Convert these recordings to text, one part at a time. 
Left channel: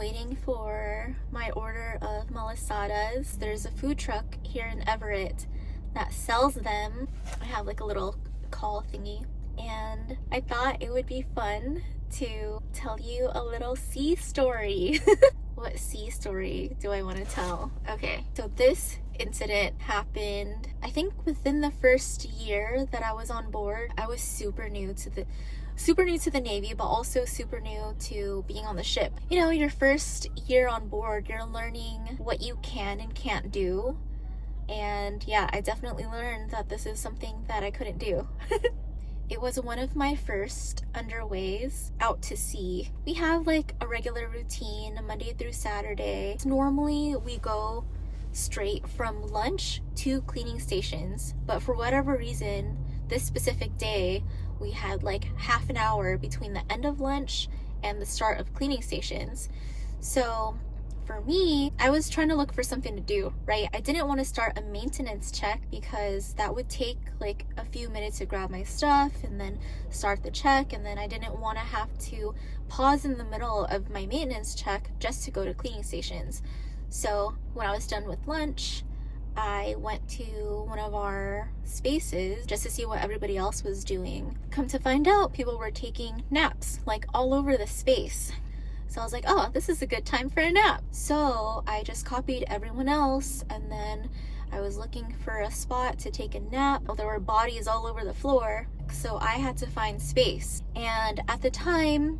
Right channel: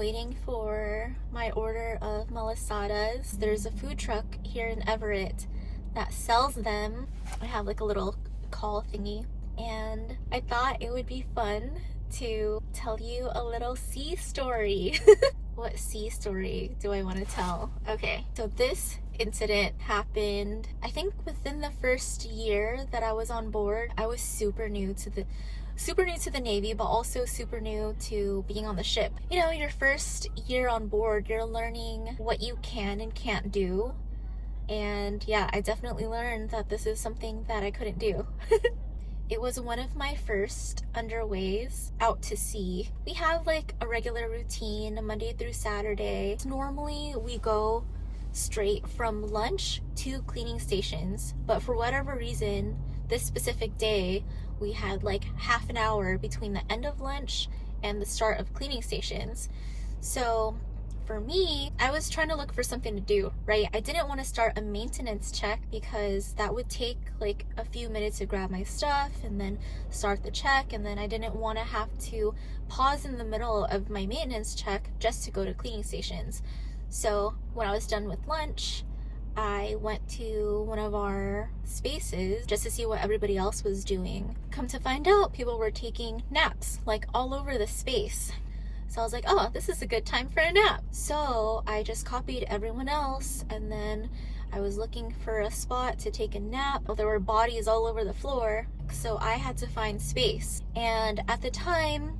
waiting for my order of malasadas. There's a food truck here in Everett that sells them. I have like a little call thingy, and I thought it would be fun to tell you a little sea story. What sea story do I want to tell? Okay, so this incident happened, I think, within the first year that I was on board. I was super new to the Navy, but also super new to being on the ship. You know, your first year on board, you're learning what you can and can't do. And yeah, I definitely learned that this is something that I couldn't do. It was one of my first underways out to sea. We have like a regular routine Monday through Saturday. Normally we go straight from lunch to cleaning stations, but for whatever reason, this specific day, we had like half an hour between the end of lunch and the start of cleaning stations. So for me, I was trying to look for something to do, right? I didn't want to start a maintenance check because that would take like a few minutes to grab my stuff and then start the check, and then I didn't want to have to pause in the middle of my maintenance check just to go to cleaning stations. So when I was done with lunch, I went to one of our spaces just to see what everybody else was doing. Come to find out, people were taking naps like all over the space. So I was like, oh, this is a good time for a nap. So I just copied everyone else, and then I was looking for a spot to take a nap. There were bodies all over the floor, so I had to find space. And at the time,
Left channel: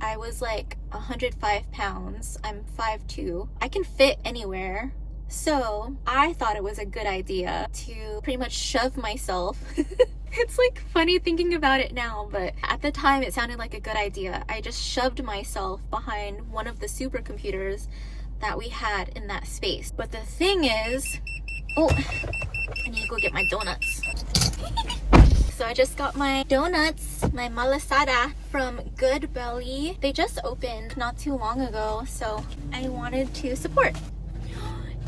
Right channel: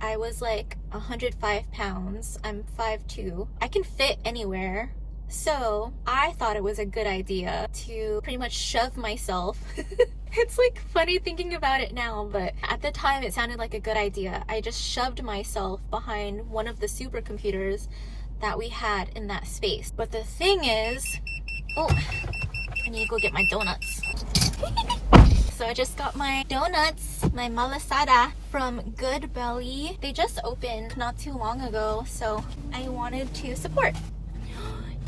I was like 105 pounds. I'm 5'2". I can fit anywhere. So I thought it was a good idea to pretty much shove myself. It's like funny thinking about it now, but at the time it sounded like a good idea. I just shoved myself behind one of the supercomputers that we had in that space. But the thing is, oh, I need to go get my donuts. So I just got my donuts, my malasada from Goodbelly. They just opened not too long ago, so I wanted to support.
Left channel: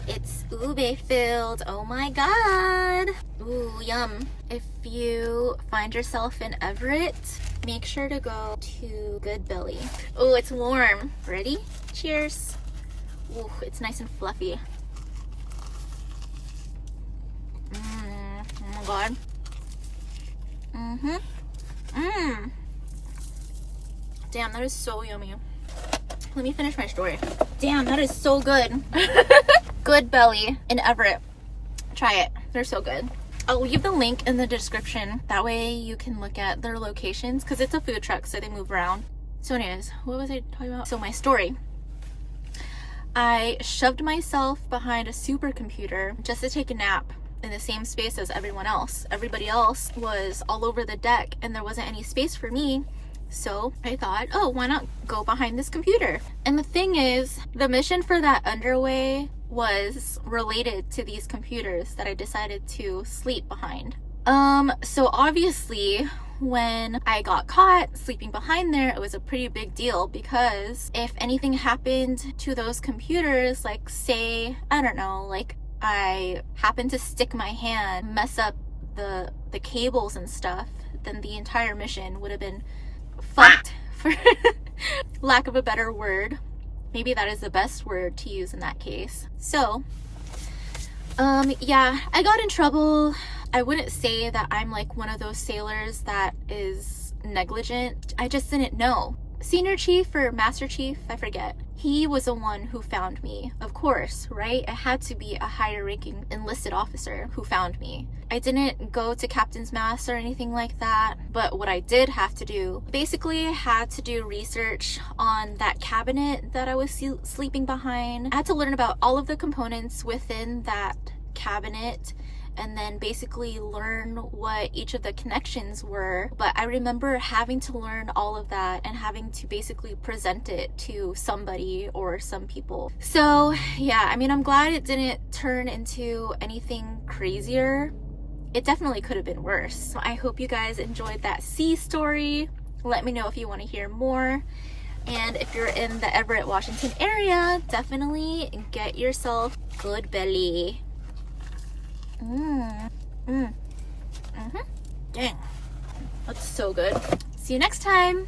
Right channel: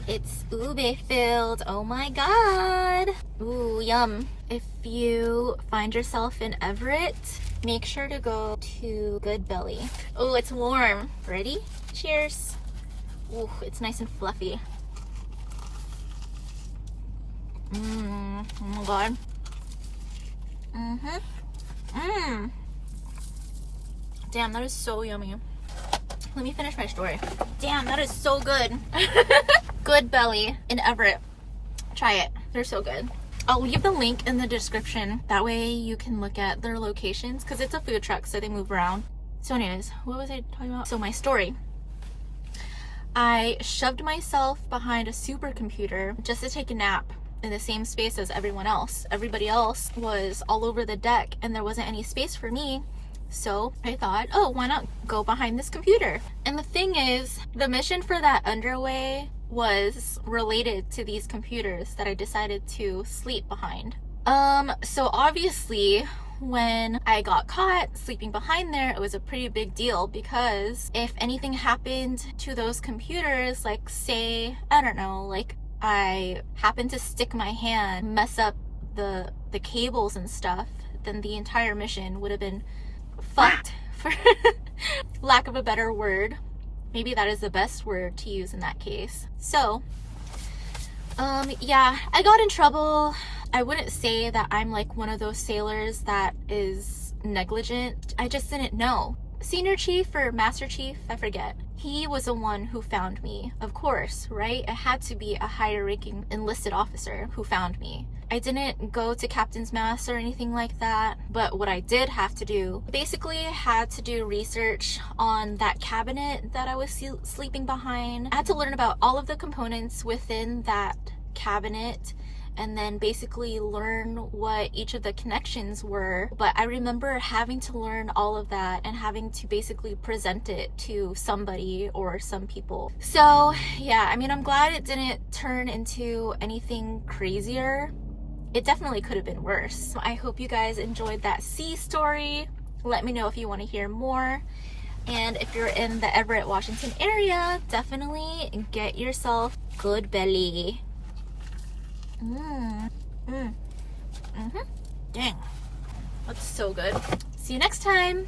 It's ube filled. Oh my god. Ooh, yum. If you find yourself in Everett, make sure to go to Goodbelly. Oh, it's warm. Ready? Cheers. Ooh, it's nice and fluffy. Oh my god. Damn, that is so yummy. Let me finish my story. Damn, that is so good. Goodbelly in Everett. Try it. They're so good. I'll leave the link in the description. That way you can look at their locations, because it's a food truck, so they move around. So anyways, what was I talking about? So my story. I shoved myself behind a supercomputer just to take a nap in the same space as everyone else. Everybody else was all over the deck, and there wasn't any space for me. So I thought, oh, why not go behind this computer? And the thing is, the mission for that underway was related to these computers that I decided to sleep behind. So obviously when I got caught sleeping behind there, it was a pretty big deal, because if anything happened to those computers, like say, I don't know, like I happened to stick my hand, mess up the cables and stuff, then the entire mission would have been fucked, for lack of a better word. Maybe that is the best word to use in that case. So yeah, I got in trouble. I wouldn't say that I'm like one of those sailors that is negligent. I just didn't know. Senior chief or master chief, I forget. He was the one who found me, of course, right? It had to be a higher ranking enlisted officer who found me. I didn't go to captain's mast or anything like that, but what I did have to do, basically I had to do research on that cabinet that I was sleeping behind. I had to learn about all of the components within that cabinet, and then basically learn what each of the connections were. But I remember having to learn all of that and having to basically present it to somebody or some people. So yeah, I mean, I'm glad it didn't turn into anything crazier. It definitely could have been worse. I hope you guys enjoyed that sea story. Let me know if you want to hear more. And if you're in the Everett, Washington area, definitely get yourself Goodbelly. Dang, that's so good. See you next time.